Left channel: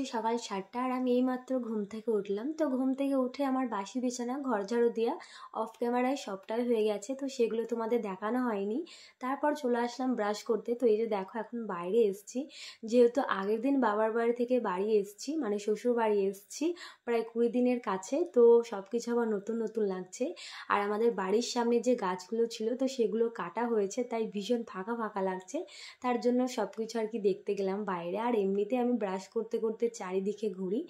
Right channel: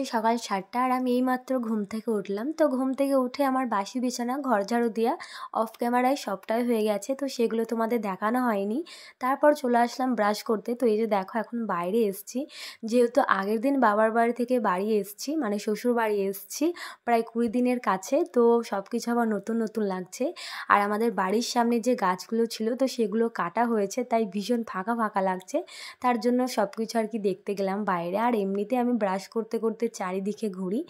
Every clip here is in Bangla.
বাজে সকাল 7টা আর আমি এইমাত্র ঘুম থেকে উঠলাম। তো ঘুম থেকে উঠে আমার বাসি বিছানা ঘর ঝাড়ু দেওয়া অফ ক্যামেরায় সবটাই হয়ে গেছে, তো সেগুলো তোমাদের দেখানো হয়নি। তারপর চলে আসলাম ব্রাশ করতে। তো এই যে দেখো এখন বাইরে এসছি, যেহেতু আগের দিন বাবার বাড়ি থেকে বাড়ি এসছি, মানে শ্বশুর বাড়ি এসছি প্রায় 20 দিনের কাছে। তো সব কিছু আবার নতুন নতুন লাগছে। আর আমাদের বাড়ির সামনে যে গাছগুলো ছিল তো সেগুলো কাটা হয়েছে, তাই ভীষণ ফাঁকা ফাঁকা লাগছে। তার জন্য সব কিছু আর কি দেখতে গেলাম বাইরে। আর এমনিতে আমি ব্রাশ করতে করতে চারিদিকে ঘুরি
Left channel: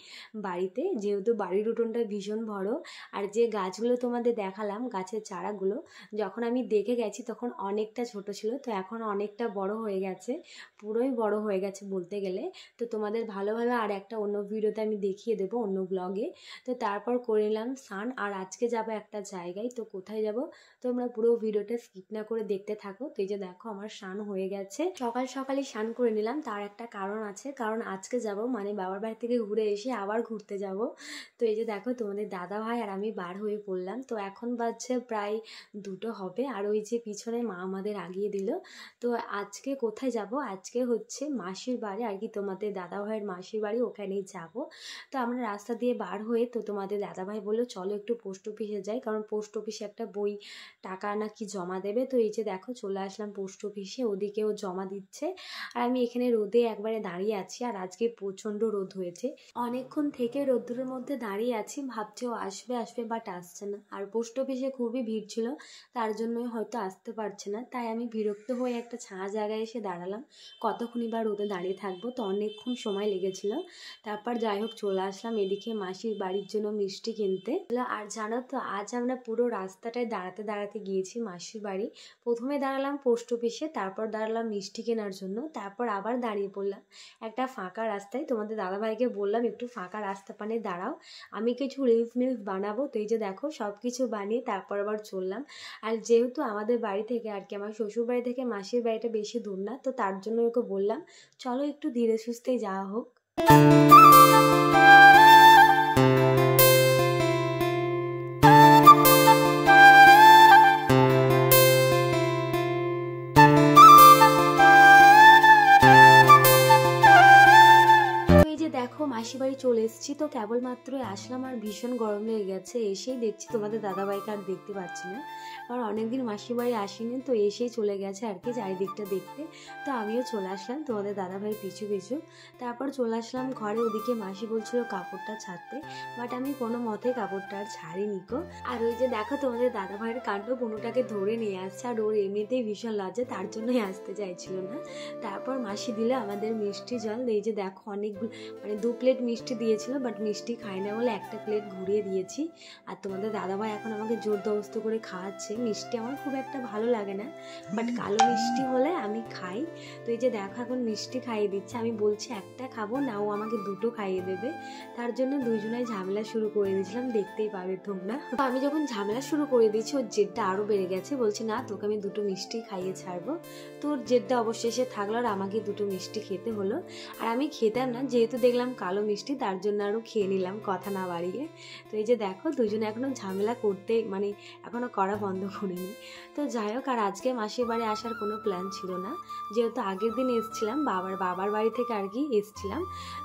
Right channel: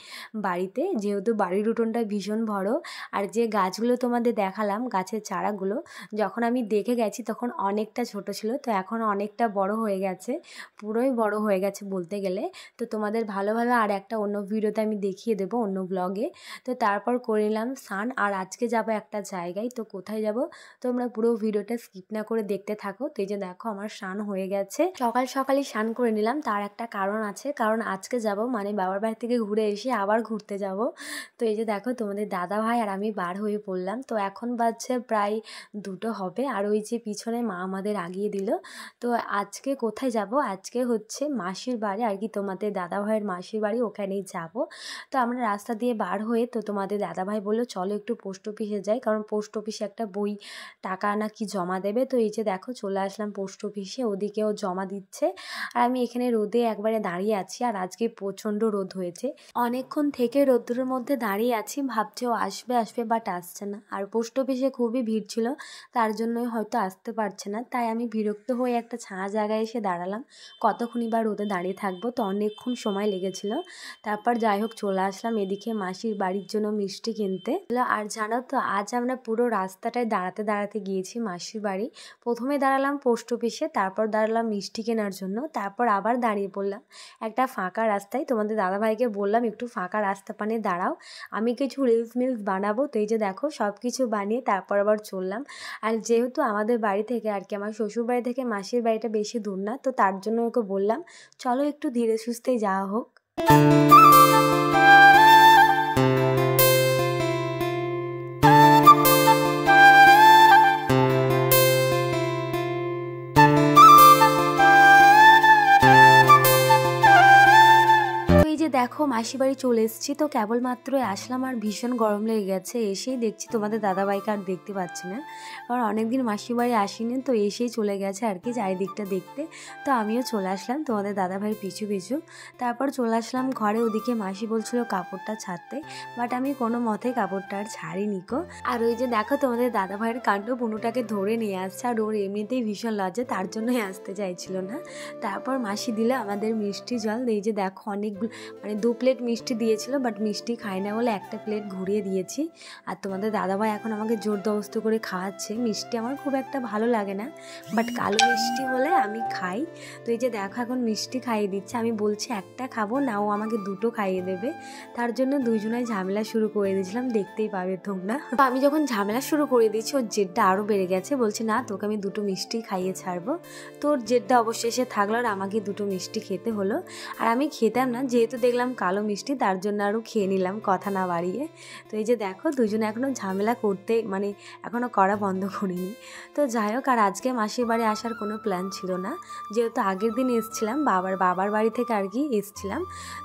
বাড়িতে, যেহেতু বাড়ির উঠোনটা ভীষণ বড়। আর যে গাছগুলো তোমাদের দেখালাম, গাছের চারাগুলো যখন আমি দেখে গেছি তখন অনেকটা ছোট ছিল, তো এখন অনেকটা বড় হয়ে গেছে, পুরোই বড় হয়ে গেছে বলতে গেলে। তো তোমাদের ভালোভাবে আর একটা অন্য ভিডিওতে আমি দেখিয়ে দেবো, অন্য ব্লগে। তো তারপর করে নিলাম স্নান, আর আজকে যাব একটা জায়গায়। তো কোথায় যাব তোমরা পুরো ভিডিওটা স্কিপ না করে দেখতে থাকো। তো এই যে দেখো আমার স্নান হয়ে গেছে, সকাল সকালই স্নান করে নিলাম। তার একটা কারণ আছে, কারণ আজকে যাব মানে বাবার বাড়ি থেকে ঘুরে এসে আবার ঘুরতে যাব। তো এই যে দেখো তোমাদের দাদা ভাই আর আমি বার হয়ে পড়লাম। তো এখন বাজছে প্রায় 2টো হবে, আর ওই যে পিছনে মা আমাদের আগিয়ে দিল। তো আজকে কোথায় যাব, আজকে হচ্ছে মাসির বাড়ি আর কি, তোমাদের দাদা ভাইয়ের মাসির বাড়ি, ওখানেই যাব। তো আমরা রাস্তা দিয়ে বার হয়ে তো তোমাদের দাদা ভাই বললো চলো একটু পোস্ট অফিসে যাই, কারণ পোস্ট অফিসে একটা বই টাকা নাকি জমা দেবে। তো এই যে দেখো চলে আসলাম পোস্ট অফিসে, ওদিকেও জমা দিচ্ছে। আর আমি এখানে রোদে একবারে দাঁড়িয়ে আছি, আর আজকে প্রচণ্ড রোদ হয়েছে। অনেকক্ষণ থেকে রোদ্দুরের মধ্যে দাঁড়িয়ে আছি, ভাবছি ও আসবে আসবে, বাট আসছে না। আর পোস্ট অফিসে খুবই ভিড় ছিল, তার জন্যই হয়তো আসতে পারছে না। তাই আমি বিরক্ত হয়ে একটা ছায়া জায়গায় এসে দাঁড়ালাম, কতক্ষণই বা রোদে দাঁড়িয়ে থাকবো। তো অনেকক্ষণ সময় লেগেছিল। তারপর যাই হোক চলে আসলাম এদিকে মাসির বাড়ির জন্য মিষ্টি কিনতে। আর জানো তো আজ আমরা পুরো রাস্তাটায় দাঁড়াতে দাঁড়াতে গিয়েছি মাসির বাড়ি। প্রথমে দাঁড়ালাম পোস্ট অফিসে, তারপর দাঁড়ালাম মিষ্টি কেনার জন্য, তারপর আবার দাঁড়িয়ে পড়লাম একটা ফাঁকা রাস্তায়। তোমাদের দাদাভাইকে বললাম একটু ফাঁকা রাস্তা পানে দাঁড়াও, আমি কিছু রিলস মিলস বানাবো। তো এই যে দেখো সব কিছু বানিয়ে তারপর আবার চললাম। আর যেহেতু আমাদের বাড়ি থেকে আর কি আমার শ্বশুর বাড়ি থেকে মাসির বাড়িটা বেশি দূর না, তো তার জন্য ওকে বললাম চলো একটু ধীরে সুস্থেই যাওয়া হোক। দেখো মাসি বাড়ি চলে এসেছি, তো কেবলমাত্রই আসলাম আর ভীষণ গরম লেগে গেছে। এসেই দেখছি তোমাদের দাদাভাইকে আর দেখতে পাচ্ছি না, কারণ অনেকদিন মাসি বাড়ি আসিনি। তো এসেই চলে গেছে আর কি চারিদিকটা দেখতে। তো আমিও চলে আসলাম তোমাদের দাদাভাই পিছু পিছু। তারপর চলে আসলাম ঘরে, ওদিকে মাসি বলছিল কাপড়টা ছাড়তে, বাট আমি কোনো মতে কাপড়টা আর ছাড়িনি কো। আর ওই যে দেখো তোমাদের দাদাভাইয়ের কাণ্ড, বুনুটাকে ধরে নিয়ে আসছে, আর ওর এমনিতেই ভীষণ লজ্জা, তার জন্যই আসতে চাইছিল না। তারপর মাসি দিলে আমাদের মিষ্টি জল। এই যে দেখো অনেকগুলো মানে 2 প্লেট মিষ্টি দিয়েছিল, বাট মিষ্টি খাই না বলে একটা প্লেট ঘুরিয়ে দিয়েছি। আর তোমাদের দাদাভাই এখন আমাকে জোর জবরদস্তি করে খাওয়াচ্ছে। মিষ্টি আমার খুব একটা ভালো লাগে না, বাট কালো মিষ্টি হলে আমি খাই। তো এই যে দেখো এখন মিষ্টি খাইয়ে দিচ্ছে, আমি বলছি একটা খাবো না, ও আমাকে 2টো খাইয়ে দেবে। তার জন্য দুইজনাই ঝামেলা শুরু করে দিয়েছিলাম, দেখতেই পাবে তোমরা। তো আমি যখন ঝামেলা শুরু করে দিয়েছি ওর জেদটা আরও বেড়ে গেছে, বলছি না তোকে আমি 2টো মিষ্টি খাইয়ে ছাড়বো। তো ওর জেদটা অবশেষে থাকলো, আর আমাকে 2টো মিষ্টি খেতে হলো। আর আমি খেতাম না, যেহেতু দেখলাম কালো মিষ্টি, তার জন্য আরও খেয়ে নিলাম কথা না বাড়িয়ে। তো এই যে দেখো দুজনে এখনও ঝামেলা করতে মানে এখনও করা বন্ধ করিনি। তো যাই হোক, আর আজকে মাসির বাড়ি আসার কোনো প্ল্যান ছিল না, যেহেতু আগের দিন এসছিলাম বাবার বাড়ি থেকে আর কি এসছিলাম।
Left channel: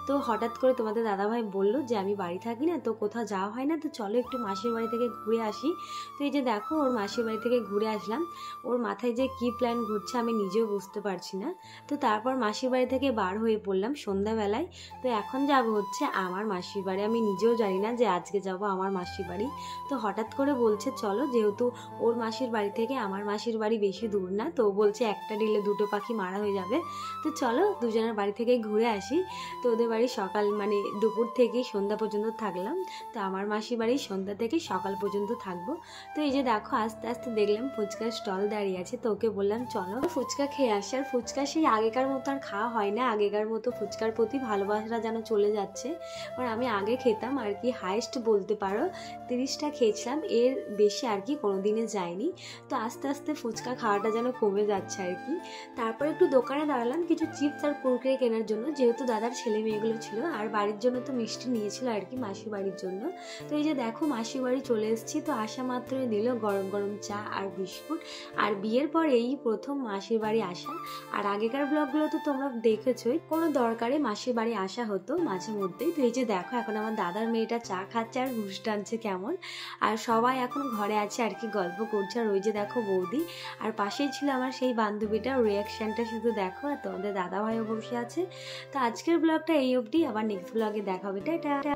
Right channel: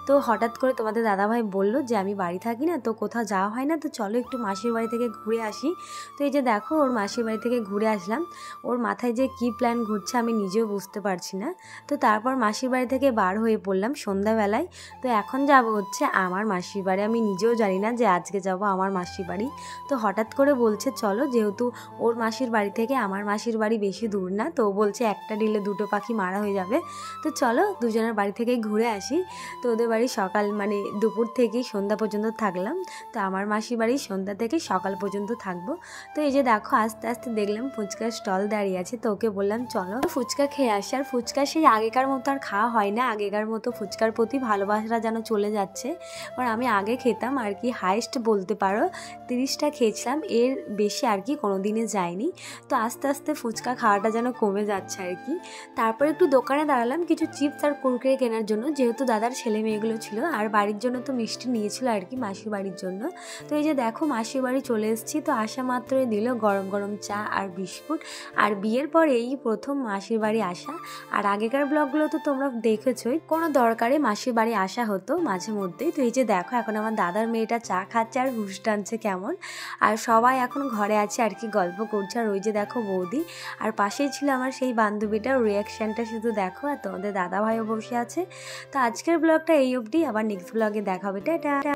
তো হঠাৎ করে তোমাদের দাদাভাই বললো যে আমি বাড়ি থাকি না, তো কোথাও যাওয়া হয় না, তো চলো একটু মাসির বাড়ি থেকে ঘুরে আসি। তো এই যে দেখো ওর মাসির বাড়ি থেকে ঘুরে আসলাম। ওর মাথায় যে কী প্ল্যান ঘুরছে আমি নিজেও বুঝতে পারছি না। তো তারপর মাসির বাড়ি থেকে বার হয়ে পড়লাম সন্ধ্যাবেলায়। তো এখন যাব হচ্ছে আমার মাসির বাড়ি। আমি নিজেও জানি না যে আজকে যাব আমার মাসির বাড়ি। তো হঠাৎ করে বলছে চলো, যেহেতু ওর মাসির বাড়ি থেকে আমার মাসির বাড়ি বেশি দূর না, তো বলছে একটা ডিলে 2টো পাখি মারা হয়ে যাবে, তো চলো দুজনের বাড়ি থেকে ঘুরে আসি। তো ওদের বাড়ি সকাল মানে দুপুর থেকেই সন্ধ্যা পর্যন্ত থাকলাম, তো আমার মাসির বাড়ি সন্ধ্যা থেকে সকাল পর্যন্ত থাকবো। তো এই যে দেখো আস্তে আস্তে দেখলাম ফুচকার স্টল দাঁড়িয়ে আছে, তো ওকে বললাম চলো ফুচকা খেয়ে আসি। আর ফুচকা সেই আগেকার মতো আর খাওয়া হয় না, আগেকার মতো ফুচকার প্রতি ভালোবাসাটা যেন চলে যাচ্ছে। আর আমি আগে খেতাম আর কি, হাইস্ট বলতে পারো 30টা খেয়েছিলাম, এর বেশি আর কি কোনো দিনে যায়নি। তো আস্তে আস্তে ফুচকা খাওয়াটা যেন কমে যাচ্ছে আর কি। তারপর একটু দোকানে দাঁড়ালাম কিছু চিপস আর কুরকুরে কেনার জন্য, যেহেতু দাদার ছেলে মেয়েগুলো ছিল, আর বাড়ির জন্য তো মিষ্টি নিয়েছিল আর কি, মাসির বাড়ির জন্য। তো এই যে দেখো মাসির বাড়ি চলে এসেছি। তো আসা মাত্রই দিল গরম গরম চা আর বিস্কুট। আর বিয়ের পরে এই প্রথম মাসির বাড়ি আসা। আর আগেকার ব্লগগুলো তো তোমরা দেখেছোই, কোনো দরকারে মাসির বাড়ি আসা হতো মাঝে মধ্যেই। তো এই যে দেখো এখন আমার দাদার মেয়েটা চা খাচ্ছে আর ঘুষ টানছে কেমন। আর সবাই এখন ঘরে আছে আর কি, গল্প করছে। আর ওই যে দেখো বৌদি, আর পাশেই ছিল আমার সেই বান্ধবীটা, রিয়াকশানটা শুধু দেখো। আর তোমাদের দাদা ভাইও বসে আছে। তো আজকের ব্লগটা এই অবধি, আবার নেক্সট ব্লগে দেখা হবে, টাটা।